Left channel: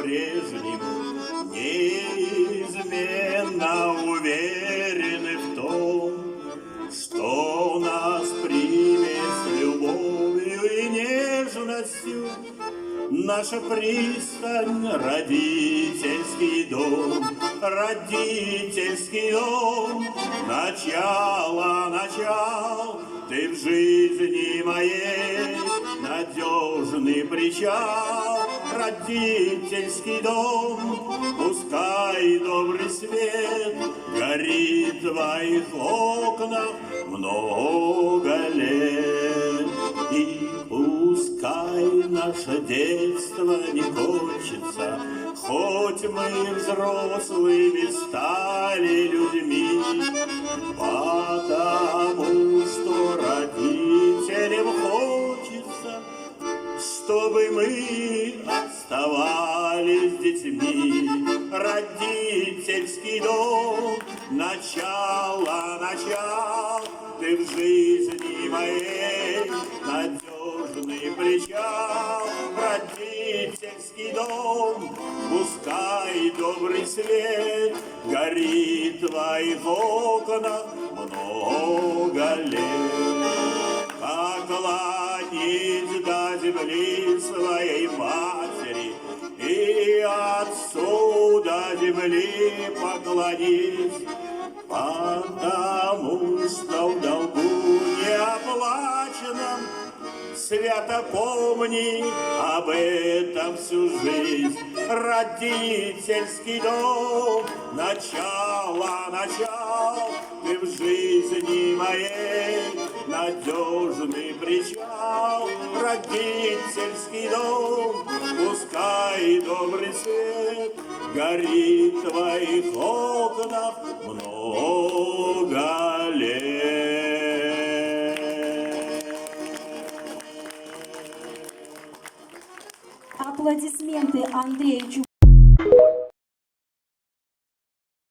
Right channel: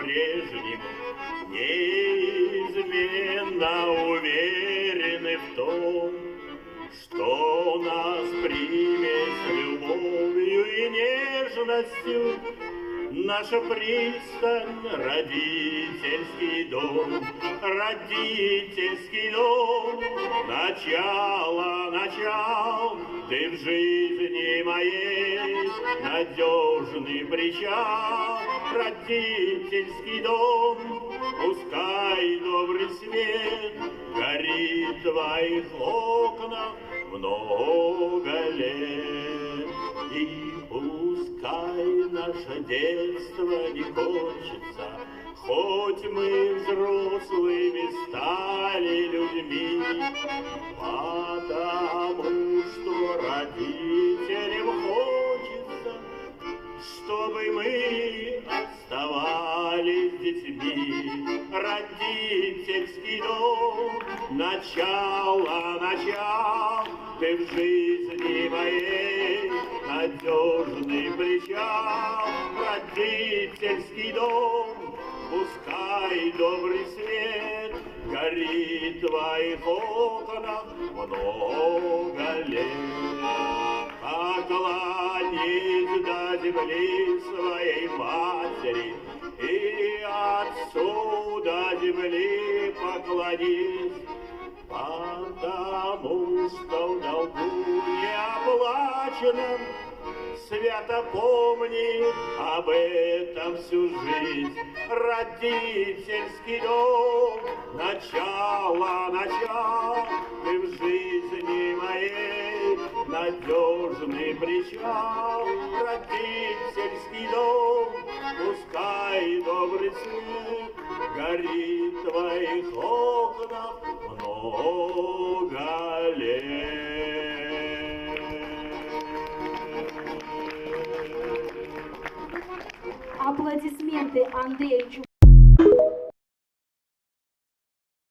по-прежнему неизменно уверены в том, что нас примет с любовью и нежностью наша пристань, родительский дом, родительский дом. Начало, ты в жизни моей надежный причал, родительский дом. Пускай добрый свет горит в твоих окнах много лет, и пускай наше детство не кончится, хоть мы взрослыми стали людьми, потому что родителям хочется, чтобы мы оставались детьми. Родительский дом, начало, ты в жизни моей надежный причал. Родительский дом, пускай добрый свет горит в твоих окнах много лет. Поклонись до земли своей матери, и отцу до земли поклонись, потому что в долгу неоплаченном свято помни об этом всю жизнь. Родительский дом, начало, ты в жизни моей надежный причал. Родительский дом, пускай добрый свет горит в твоих окнах много лет. Аплодисменты Андрею Чуб.